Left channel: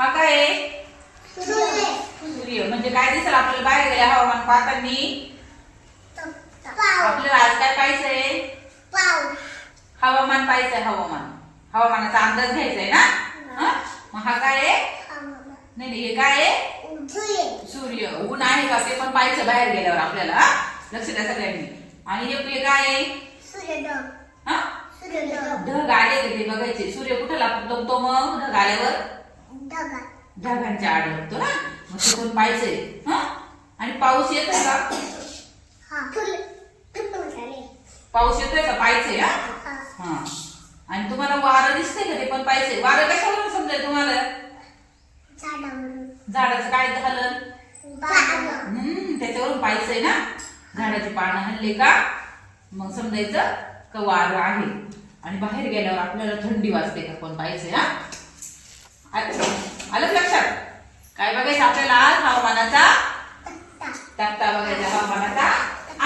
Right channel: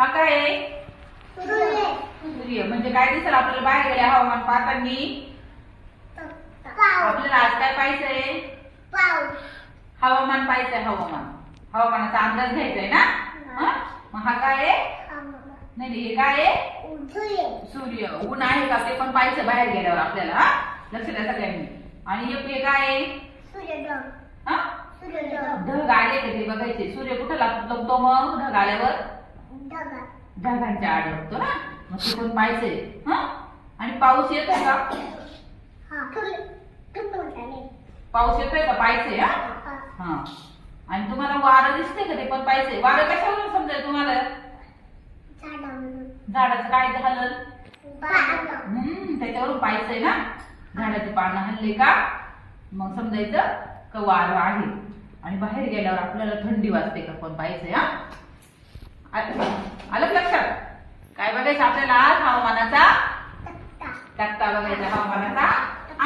हा काय? आहे सूर्य. म्हणजे काय दिसेल आपल्याला? बाहेर गेल्या हवामान. पाहताना आपल्याला आज काय पाहिजे हवामान पाहिजे हवामान. हवामानाचा अंदाज घ्यायचा आहे ना? मग हा काय आहे? नाही नाही हे काय आहे? सूर्य. ऊन आहे का? ते पण पाहिजे बाहेर गेल्यावर आपल्याला हा? लक्ष द्या सगळ्यांनी. आणि हे काय आहे? ढग. आले ते बघायचे. सूर्य कुठे लागतो मग? ढग आल्यावर? ढगांच्या आड लागतो ना? मग तिथून पाहिजे हा? आणि पाऊस येतोय का? पाऊस येतोय का? पाहिजे हा? हा. आणि तुम्हाला वारं दिसतंय का ते? पण पाहिजे वारं कशावरून समजेल तुम्हाला? झाडाचं काय हलन हम्म त्याच्यावरून पाहिजे ना? झाडाची पानं हल्ले का? मग समजायचं का वारं आहे? आणि बाहेर गेल्यावर आपल्याला थंडी वाजते का? पण पाहिजे हा? आलं लक्षात? काय बघायचं आपल्याला आज हवामानाचा तक्ता बघायचा हवामानाचा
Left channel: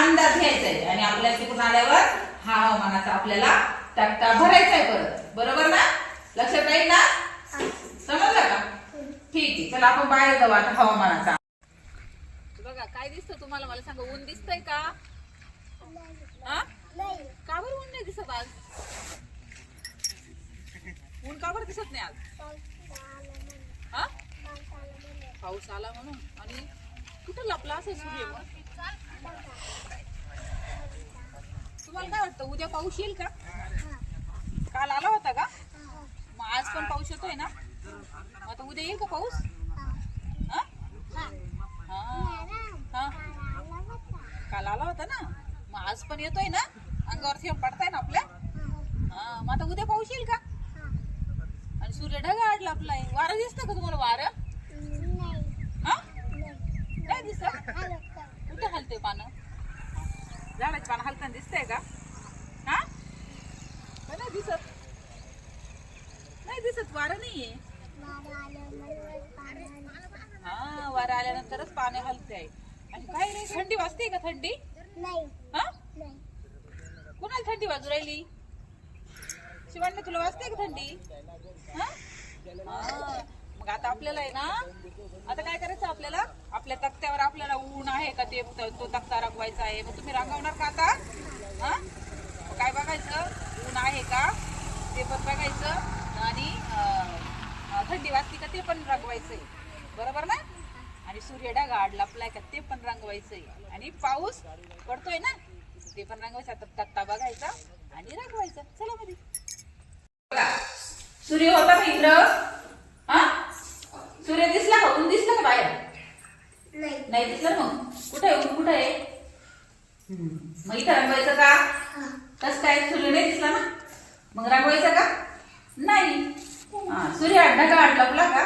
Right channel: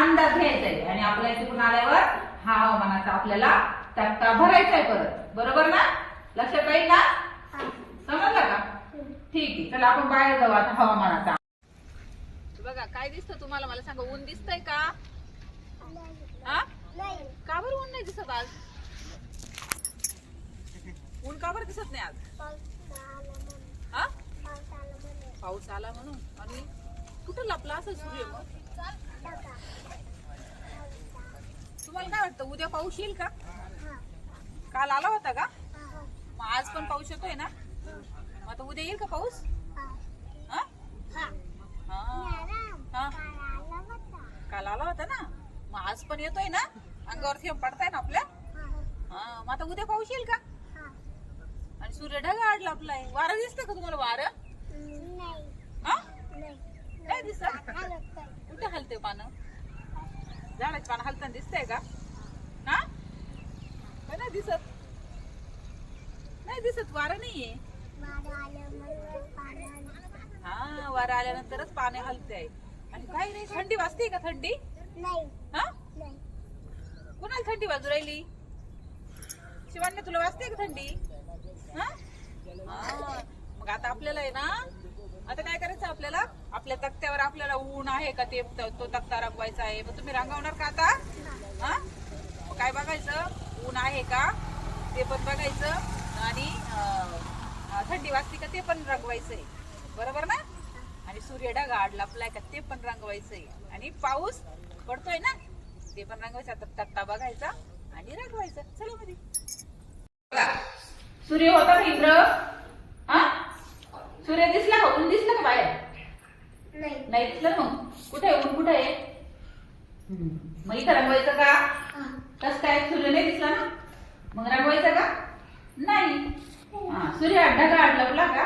अंदाज घ्यायचा आहे. आणि आपल्या तिकडून आल्यावर हा हवामानाचा आपल्याला तक्ता भरायचा आहे परत. बरोबर ना? लक्षात राहील ना? समजलं का? ठीक आहे चला आपण बाहेर जाऊ आता हवामानाचा. बघा काय दिसतं तुम्हाला? मला सांगा ऊन दिसतंय का? का बरं ऊन नाही दिसत आज? ऊन का बरं दिसत नाही आज? हा? पाऊस आला म्हणून. आणि कुठं लपला असं सूर्य मग? तुम्हाला काय वाटतं उद्या पाऊस येईल का? काल आला होता का? मग आज पण पाऊस येतोय ना? मग आता उद्या येईल का पाऊस? काल आला होता ना? मग आज पण येतोय ना? अंगावर पडताय ना आपल्या? हा. मग आता उद्या पाऊस येईल का? सूर्य ढगा आडला आपलाय वारं दिसतं का तुम्हाला वारं? हा? काय दिसत? कुठे हलते पानं? झाडाची पानं हलताना दिसतंय का? हा? नाही दिसत. नाही दिसत वारं नाहीये. हा वारं आल्यानंतरच पाने हलते आहे आणि काय नाही थंडी वाजते का थंडी? हा? कुणाला थंडी वाजू राहिली? शिवांना तुला वाजते का थंडी. मग आता आपल्याला आहे ना आता काय करायचं आपल्याला? आपल्या तक्त्यावर आपल्याला ऊन आहे का ते तो तक्ता रंगवायचा आहे. मग तुम्ही रंगवणार का आता? हा? मग काय बघायचं? ऊन आहे का? ते पण बघायचं. आणि थंडी वाजते का ते पण रंगवायचंय. बरोबर ना? आणि सूर्य ढगा लपलाय का ते पण रंगवायचंय. आणि पाऊस पडतोय ना ते पण रंगवायचा. आता तक्ता बघायचा आणि रंगवायचा. चला मध्ये सूर्य होता का इंद्र? हा? सूर्य दिसला का? ऊन दिसलं का बाहेर? नाही. दिसलं मग कुठे आहे? ऊन कुठे आहे. मग इथं रंगवायचं का? कस काय? सूर्य नाही दिसला ना? मग रंगवायचं का? नाही. हा सूर्य ढगा आडला आपला का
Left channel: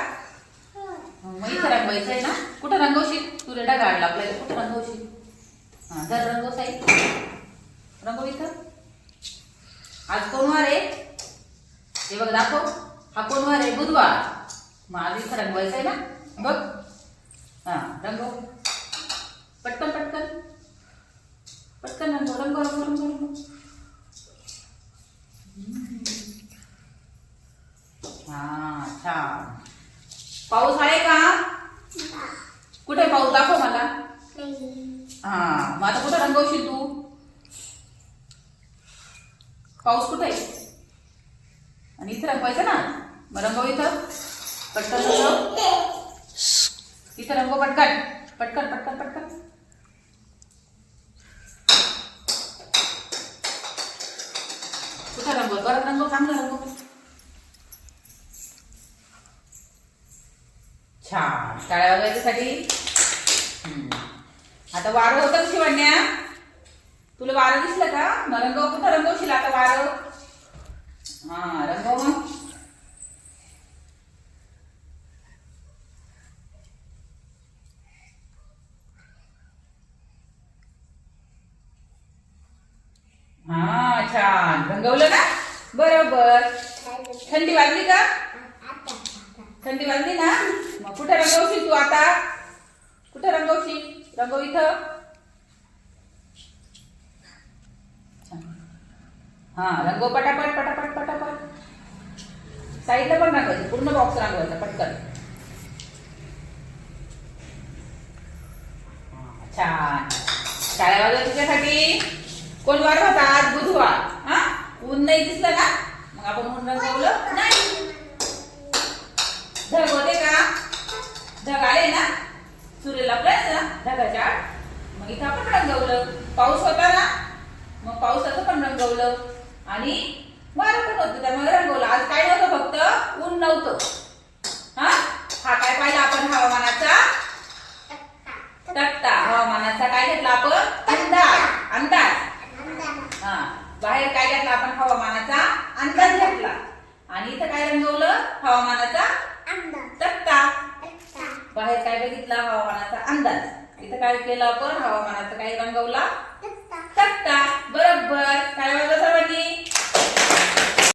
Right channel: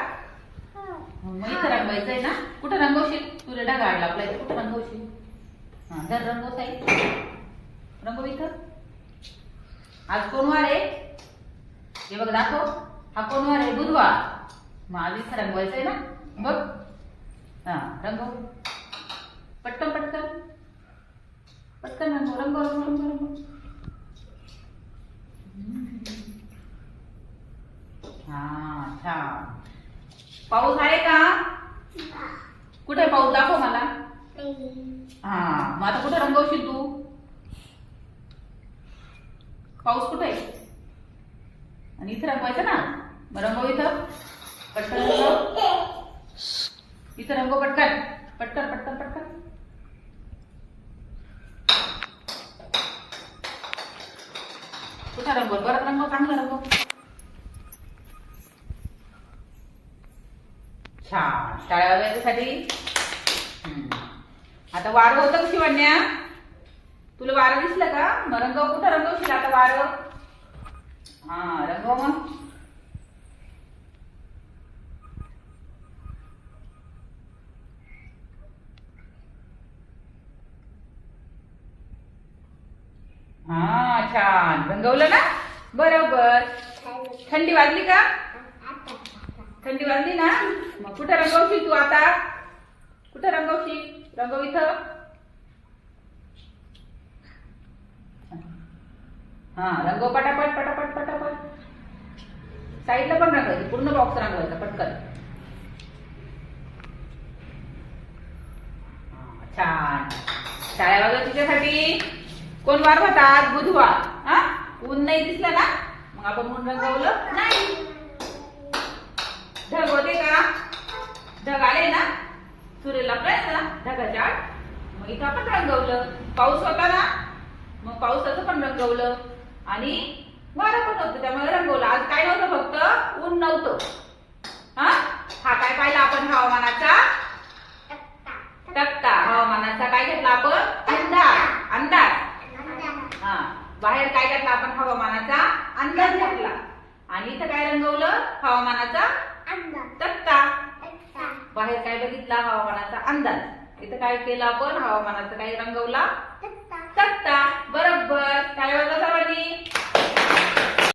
मग इथं रंगवायचं आहे ना? कुठं रंगवशील? सूर्य ढगा आडला आपल्याला कुठं रंगवशील? हा जर रंगव साई. रंगव इथं. आज कोण वार आहे. हे बघ दाखव. हा कोण वार आहे? बुधवार. मग आज इथं रंगवायचं आहे ना? बघ. हा रंगव. पटकन पटकन. पटकन रंगव रंगव रंगव रंगव रंगव. हा छान. पाऊस आहे का? कुठे आहे पाऊस? दाखव मला. हा मग आता कुठं रंगवशील तू? पाऊस कुठे आहे? आणि इथं रंगवायचं ना? मग रंगव इथं. पटकन रंगव. इथं रंगव पटकन. पटकन पटकन पटकन. कुठं रंगव परत रंगव चांगलं रंगव. छान. शाळा वगैरेसाठी? आता वारं होतं कशी शिवण्या? तुला वारं दिसलं का? मग रंगव. कुठं रंगवशील आता वारं? हा रंगव मग हा छान. रंगवलं ना? बरोबर. थंडी वाजली का? थंडी वाजली ना? मग कुठं रंगवशील तू आता? कुठं रंगवशील? रंगव इथं. हा रंग पटापट पटापट पटापट. साईडला पण रंगवायचं पूर्ण बॉक्स रंगवायचा पटकन. छान. शाळ्या वाजव तुझ्यासाठी? कोण वार होतात? बुधवार. हा? ऊन नाही दिसलं ना? मग आपण म्हणून रंगवलं? नाही. ढग होते का? ढग आले ना? सूर्यला प्रयत्न ढगाच्या आड. मग इथं आपण रंगवलं. पाऊस होता ना? मग पावसाचं पण रंगवलं. आणि वारं पण होतं. त्यामुळे रंगवलं. आज काय नव्हतं फक्त? ऊन नव्हतं. हा? हा काय पाहिला आपण हवामानाचा? तक्ता. हवामानाचा काय घेतला आपण? अंदाज. अंदाज. हा. बाहेर काय घेतला आपण? हवामानाचा अंदाज घेतला. आणि इथं काय रंगवलं? हवामानाचा तक्ता. बाहेर काय बघितला? हवामानाचा अंदाज. इथं काय केलं आपण? हवामानाचा काय रंगवला? बरोबर. काय बघा सर्वांनी?